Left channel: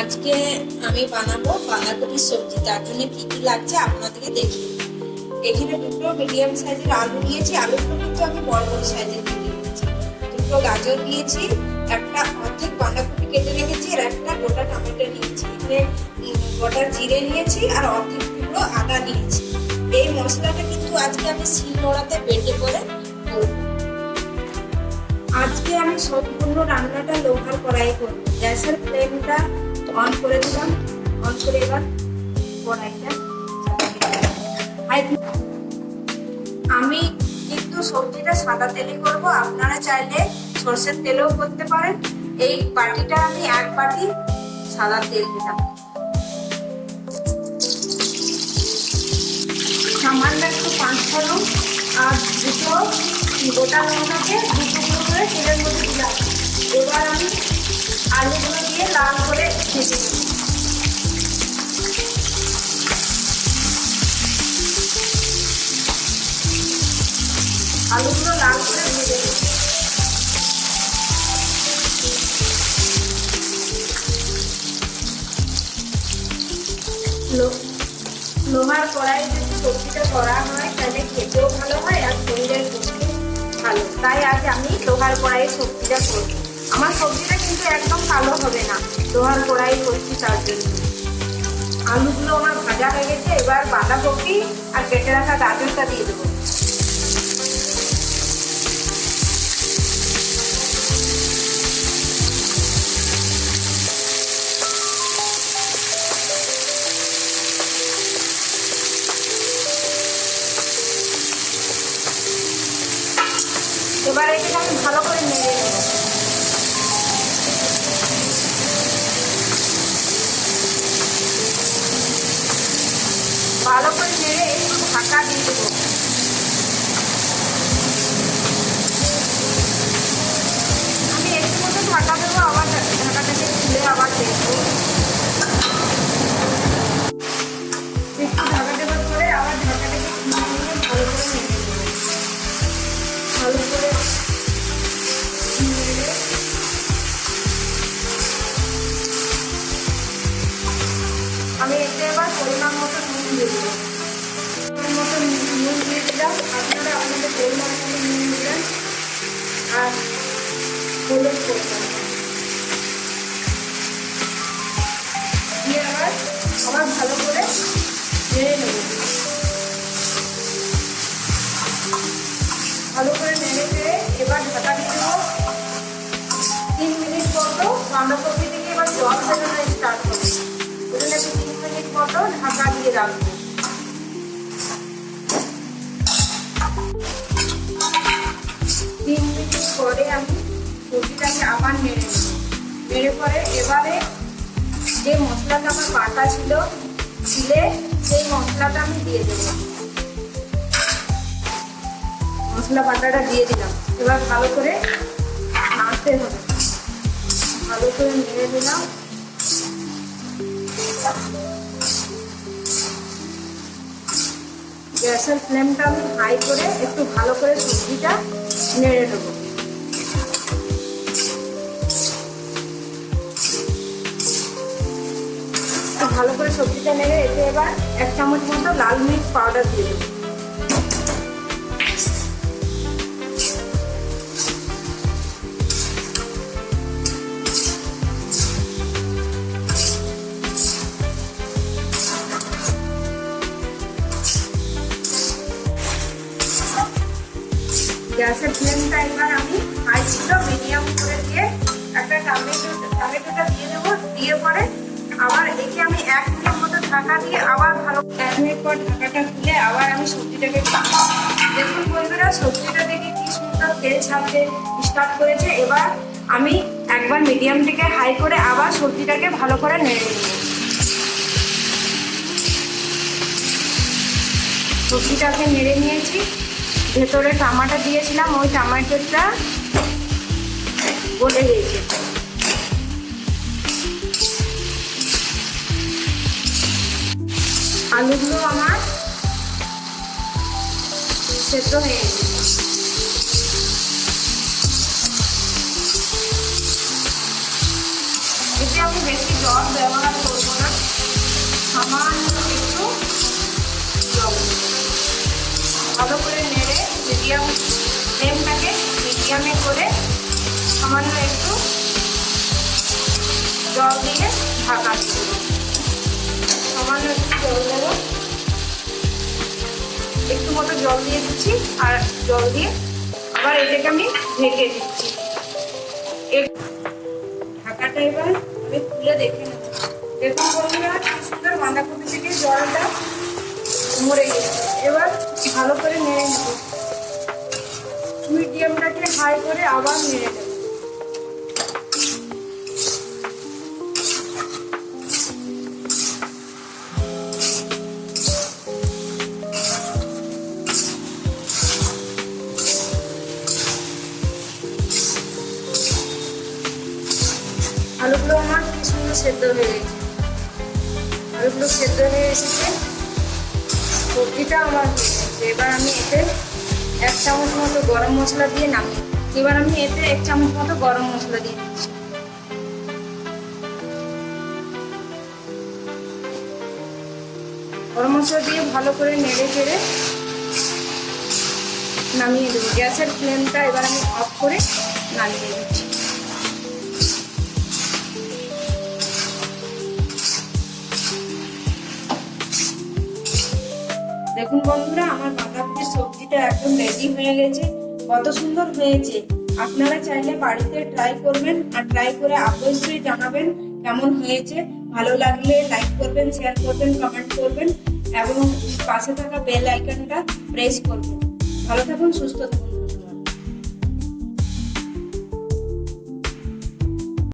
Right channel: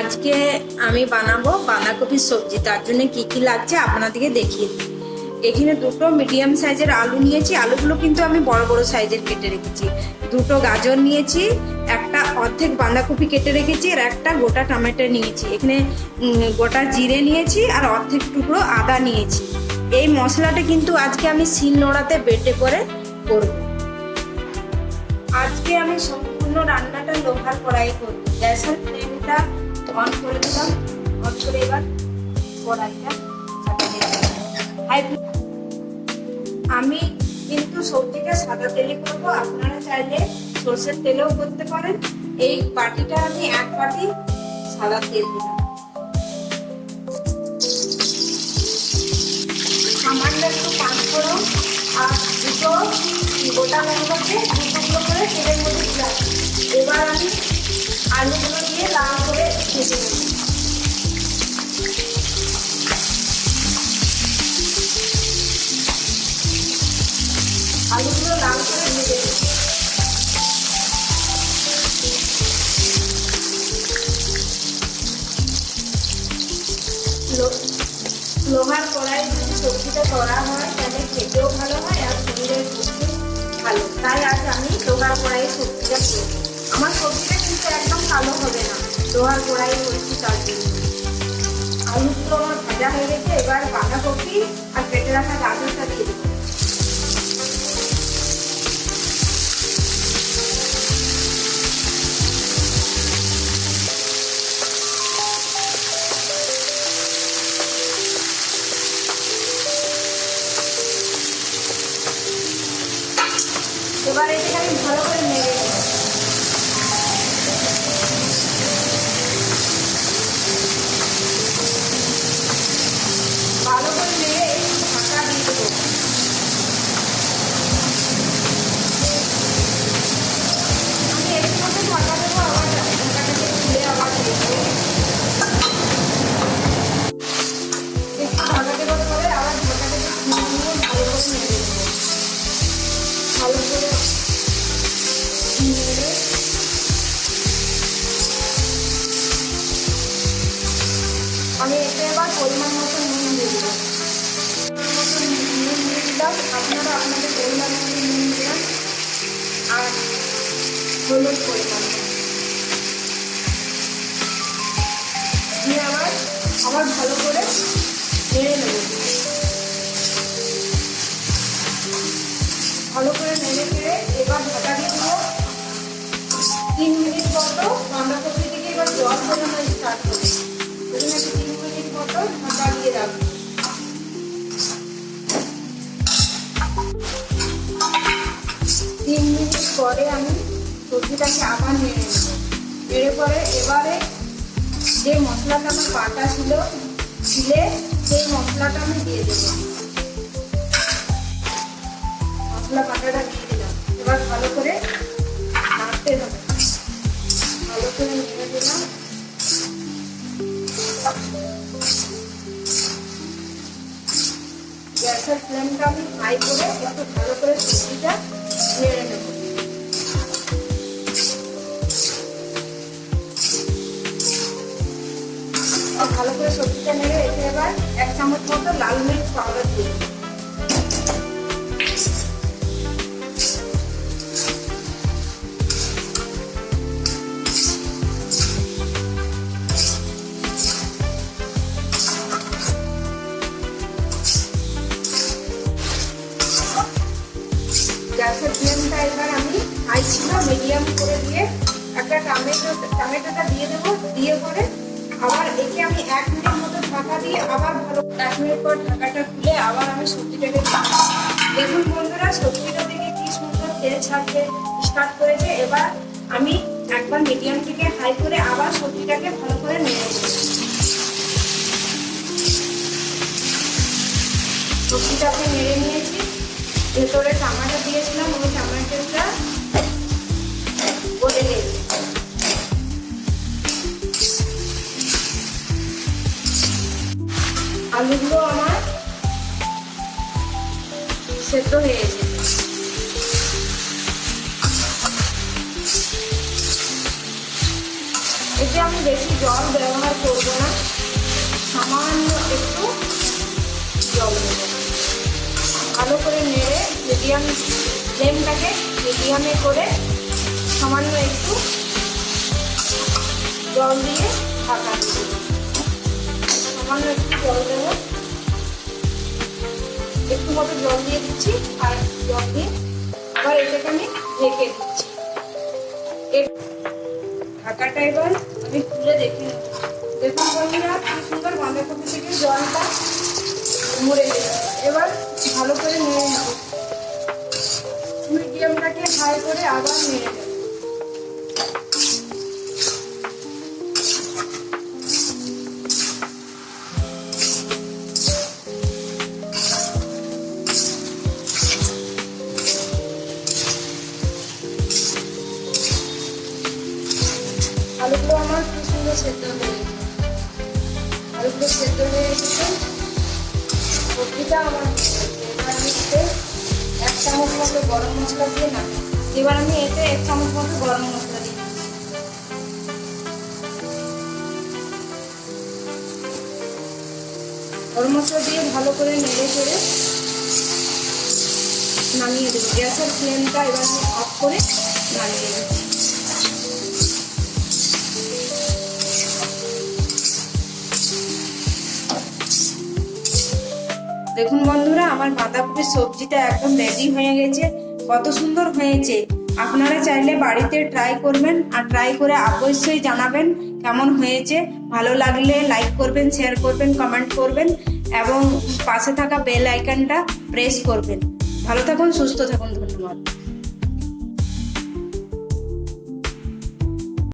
আজকে আমি বানাবো বাঁধাকপির সবজি। তার জন্য কি কি লাগছে আপনাদেরকে দেখিয়ে দিই। এখানে দুটো মিডিয়াম সাইজের আলু নিয়েছি। আলুগুলো কিন্তু আমি বড় বড় সাইজের কেটে রেখেছি। দুটো গাজর নিয়েছি, একটা অর্ধেক বাঁধাকপি কেটে রেখেছি, আর একটা গোটা টমেটো নিয়েছি। এখানে গোটা জিরে নিয়েছি আর অর্ধেক টুকরো আদা নিয়েছি। এই মশলাটা কিন্তু আজকে আমি শিলনোড়াতে বেটে করে করব। আজকে আমি সম্পূর্ণ রান্নাটা লোহার কড়াই করব। গ্যাসের ফ্লেমটা অন করে দিলাম। অন করে এবার কড়াইটা আমি কিন্তু সবজিটা সাদা তেলে করব। আপনারা চাইলে সরষের তেলেও করতে পারেন। এই বাটিটা আমি এক বাটি সাদা তেল দিলাম। সামান্য একটু পাঁচফোড়ন আর দুটো গোটা লঙ্কাকে দুটো করে তেলের মধ্যে দিলাম। এবার আমি আলুগুলো দিয়ে লাল করে ভেজে নেব। আলুগুলো লাল করে ভেজে নেব। লোহার কড়াই যদি সবজিটা করা হয় তাহলে খেতেও ভালো হয় আর শরীরের পক্ষে ভালো। তাই আজ আমি লোহার কড়াইয়ে সবজিটা করব। আমার সবজিটা কিন্তু একদম কালো হবে না, লোহার কড়াইয়ে করছি তার জন্য। আলুগুলো আমার ভাজা হয়ে গেছে। এবার বাঁধাকপি আর কেটে রাখা গাজরটা দিয়ে দেবো। এবার এটাকে আমি ভালো করে নেড়ে নেব। ভালো করে নেড়ে একটু ঢাকা দিয়ে দেবো। আমি একটু মতো ঢাকা দেবো, আবার ঢাকাটাকে খুলে আবার দেবো। একটু ঢাকা দেওয়ার পরে আবার ঢাকাটাকে খুলে নিয়ে ভালো করে নেড়ে দেবো। ভালো করে আমি এতে এবার পরিমাণ মতো নুন দিয়ে দেবো। নুন দিয়ে দিলাম। আপনারা আপনাদের পরিমাণ মতো নুন দিলেন আর হলুদ করলাম দিয়ে আবার ভালো করে নেড়ে নেব। ভালো করে নেড়ে নেড়ে এবার ঢাকা দিয়ে দেবো। 3 মিনিট মতো বাঁধাকপি থেকে এবার জল বেরোনো স্টার্ট করবো। এজন্য একটু 3 মিনিট মতো ঢাকা দিয়ে রাখবো। 3 মিনিট পরে আমি সবজিটাকে আবার নেড়ে নেব। নেড়ে পরে এবারে যে মশলাটা আমার বাটা ছিল শিলে, সেই মশলাটা আমি দিয়ে দেবো। মশলা বাটাটা দিয়ে দিলাম। এবার ভালো করে নাড়তে হবে। ভালো করে নেড়ে দিলাম। গ্যাসের ফ্লেমটা আমি হাই করে একটু ভালো করে সবজিটা নেড়ে দেবো। ভালো করে সবজিটা নেড়ে এতে এবার 1 চামচ মতো লাল মির্চ পাউডার দিয়ে দেবো। গ্যাসের ফ্লেমটা এবার আমি হাই ছিল মিডিয়াম করে দিয়ে একটা টমেটোটা দিয়ে দেবো। দিয়ে পরে আবার একে আমি 1 মিনিট মতো ঢাকা দিয়ে আবার ভালো 1 মিনিট পর ঢাকাটা খুলে আবার আমি সবজিটাকে দেখুন বন্ধুরা, সবজিটা দেখে কি সুন্দর তেল ছাড়তে স্টার্ট করেছে। এবার আমি একবার মিডিয়াম থেকে হাই করে আবার সবজিটাকে ভালো করে নেড়ে দেবো। সবজিটাকে নেড়ে নিয়েছি। ভেতরে টমেটো দিয়েছিলাম, ওই টমেটোটা গলে গেছে। আলুগুলো আমার সেদ্ধ হয়ে গেছে। এতে আমি বেশি জল ব্যবহার করবো না, সামান্য একটু জল দেবো। ভালো করে নেড়ে মিডিয়াম ফ্লেমটাকে মিডিয়ামে করে সামান্য একটু জল দিয়ে ঢাকা দেবো। সামান্য একটু জল দেবো, একটু মতো জল দিয়ে দিচ্ছি, আর জল দিয়ে আবার এটাকে আমি ঢেকে দিচ্ছি। ঢাকাটা এবার আমি খুলে দেখে নেব। দেখুন বন্ধুরা, কি সুন্দর বাঁধাকপি থেকে জলটা মরে গেছে। এবার ভালো করে নেড়ে নেব, মিডিয়ামটাকে হাই করে আবার নেড়ে দেব। আলুগুলো আমার কি সুন্দর সেদ্ধ হয়ে গেছে, আলুগুলো সেদ্ধ হয়ে এসেছে, সবজিটা আমার হয়ে গেছে। এবার আমি এতে 1 চামচ মতো গরম মশলা দিয়ে নামাবো। এবার আমি এতে 1 চামচ মতো গরম মশলা দিয়ে দিচ্ছি। গরম মশলা দিয়ে ভালো করে নেড়ে চেড়ে নামিয়ে দেবো। গ্যাসের ফ্লেমটা এবার আমি অফ করে নামিয়ে দেবো। দেখুন বন্ধুরা, আমার বাঁধাকপির সবজিটা একদম রেডি হয়ে গেছে। কত সুন্দর হয়েছে। আপনারা চাইলে বাড়িতে ট্রাই করবেন, আর ট্রাই করে অবশ্যই জানাবেন কেমন হয়েছে। ভালো লাগলে লাইক করবেন, শেয়ার করবেন, কমেন্ট করবেন এবং পাশে থাকা বেল আইকনটা প্রেস করবেন। ভালো থাকুন, সুস্থ থাকুন।